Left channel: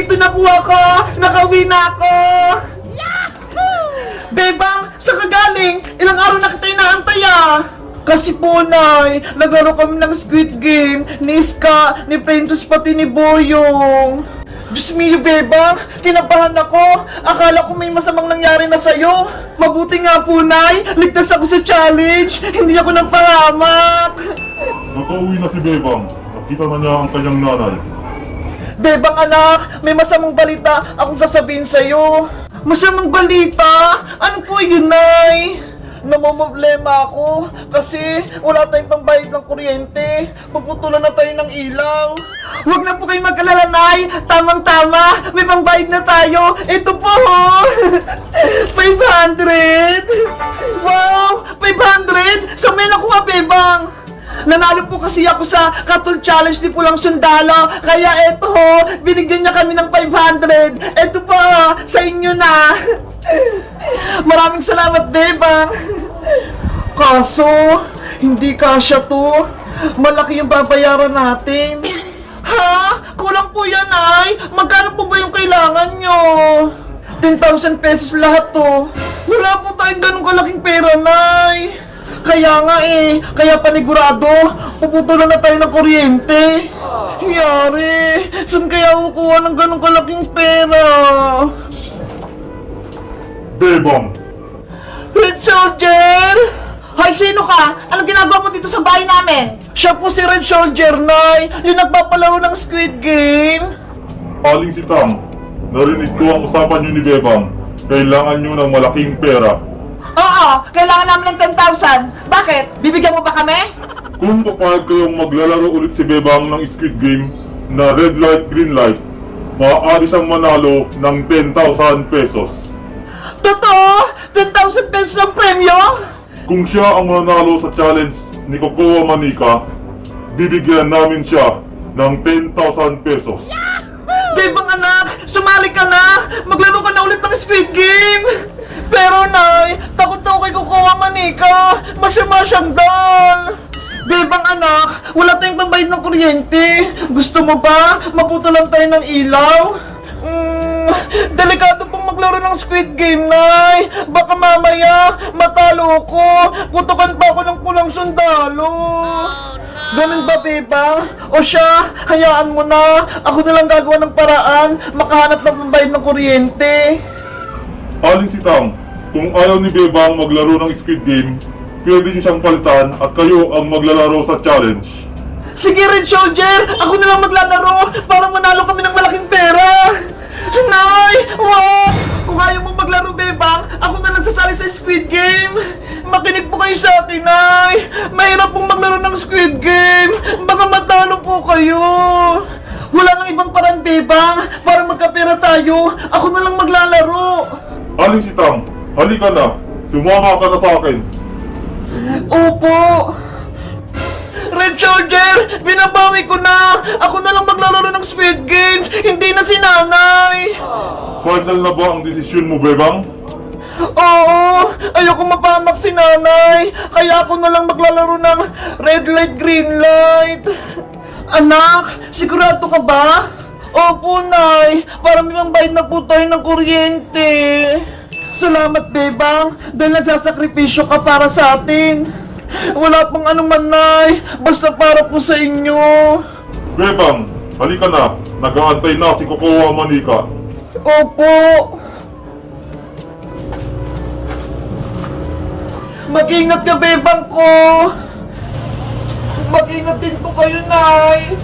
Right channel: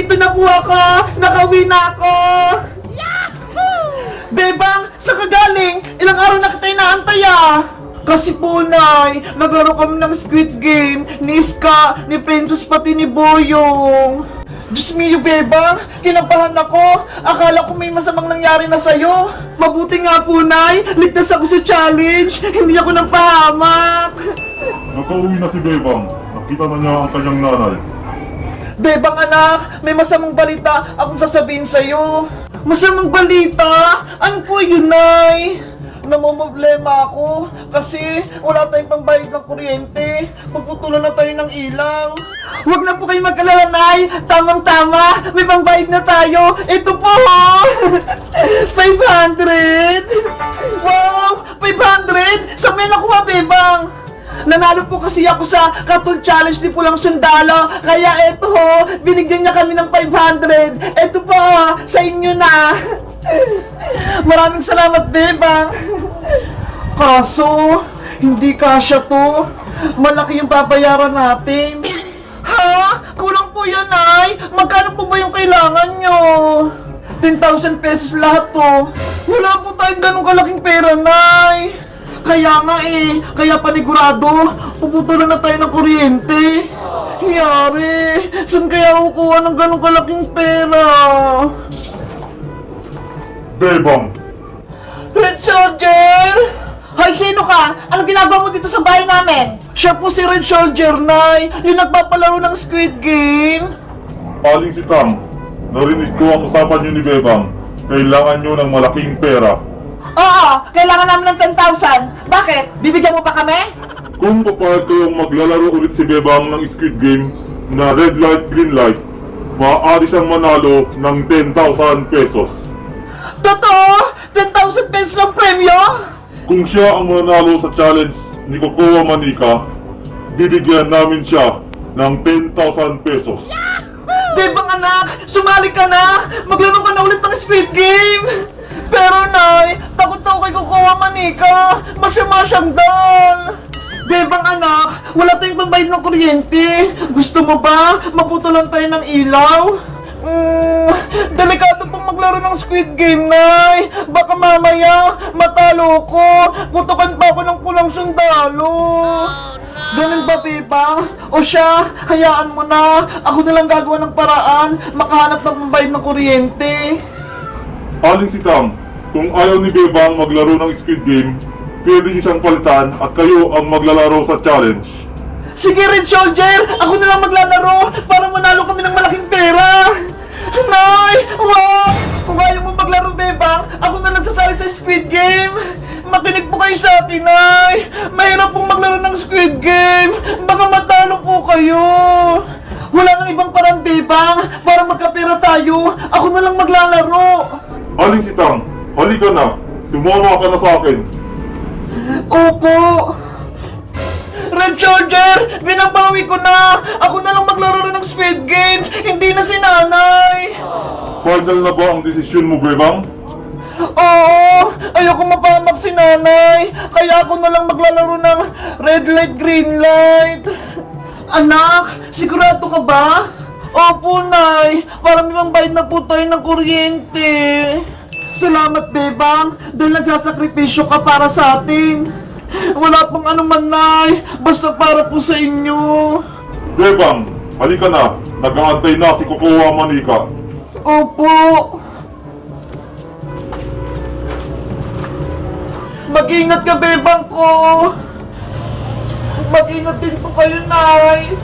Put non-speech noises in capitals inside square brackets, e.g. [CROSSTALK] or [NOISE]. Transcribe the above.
Nandito na po ako! Nakauwi na ako! Bebang, sa kagaling? Ilang araw na kita inaantay ah! Kasi po, Nay, naglaro kami ng Squid Game ni Iska, ni Princess, pati ni Boyong. Diyos mio, Bebang, kinabahan ako. Akala ko may masamang nangyari na sa'yo. Mabuti nga po, Nay, ligtas ako sa challenge. Hindi ako napahamak. Nakauwi na si Bebang. Nakita na niya ang kanyang nanay. Bebang anak, may masamang balita akong sasabihin sa'yo. Masamang balita? Ano po yun, Nay? Namamblema ako kasi wala tayong pambayad ng kuryente. Pagputulan na tayo ng ilaw. Huwag na po kayo mag-alala, Nay. Tamang-tama. May pambayad na tayo. Ito po. [LAUGHS] 500. Wow! 500? Sa may nakuha? Nanalo po kasi ako sa Katol Challenge ni Pulang Sundalo. Kaya eto ho, binigyan niya kami ng 500. Eto pa, sa inyo na. [LAUGHS] Maraming salamat, Bebang. Kaso, hindi kasya to. Malaki yung babayaran natin. Ha? Kulang po yan, ay. Magkano po ba yung kailangan nyo? 10,000 pesos lahat to. Wala po tayong ganong kalaking pera, Nay. Kaya nga eh, kaya panigurado, puputulan na tayo ng kuryente. Yari, saan kaya kukuha ng ganong kalaking pera? Bebang! Red Soldier! Hoy, sino ka? Anong ginagawa mo dito sa bahay namin? Siya po si Red Soldier, Nay. Yung nagpapalaro ng Squid Game. Aling si Tam, narinig ko ang usapan niyo ni Bebang. Kailangan niyo ng malaking pera. Oo, kailangan namin ng 10,000. Bakit? Bibigyan mo ba kami? Kung papayag kayong maglalaro ulit si Bebang ng Squid Game na red light, green light, maaari siyang manalo ng 10,000 pesos. Totoo? 10,000 pesos ang premyo? Kung siya ang manalo sa challenge ni Cocoa Manika, bibigyan namin siya ng 10,000 pesos. Bebang anak, sumali ka na! Maglaro ka na ulit ng Squid Game! Pero Nay, takot ako kay Kukuha Manika! Masama siyang dal! Bebang anak, wala tayong pambayad ng kuryente. Gusto mo ba? Maputo lang tayo ng ilaw? Mm, delikado pang maglaro ng Squid Game, Nay. Baka mamaya, matalo ko. Putukan pa ako ng pulang sundalo. Ganun ba, Bebang? O siya, hayaan mo na. Ako na lang gagawa ng paraan, makahanap ng pambayad ng kuryente. Aling si Tam, kung ayaw ni Bebang maglaro ng Squid Game, pwede niyo siyang palitan at kayo ang maglalaro sa challenge. Sige, Red Soldier! Ako na lang maglalaro para manalo kami ng malaking pera! Nay! Wag! Kung ayaw mo maglaro, Bebang, ako na lang sasali sa Squid Game! Makinig po kayo sa akin, Nay! Mahirap pong maglaro ng Squid Game! Baka matalo po kayo! Wala nang ibang parang, Bebang, para magkapera tayo! Ako na lang maglalaro! Aling si Tam, halika na. Sumama ka na sa akin. Opo! Red Soldier! Binabawi ko na! Ako na lang maglalaro ng Squid Games! Hindi na si nanay! Final na ba ang desisyon mo, Bebang? Oo! Ayoko mapamak si nanay! Kaya ako na lang maglalaro ng red light, green light! Anak! Sigurado ka ba? Opo, Nay! Para may bayad na po tayo ng kuryente! Salamat, Bebang! Dahil nagsasakripisyo ka para sa atin! Wala pang anuman, Nay! Basta para po sa inyo! Bebang, halika na. Nag-aantay na si Cocoa Manika. Opo! Mag-ingat ka, bebang ko! Mag-ingat din po kayo, Nay!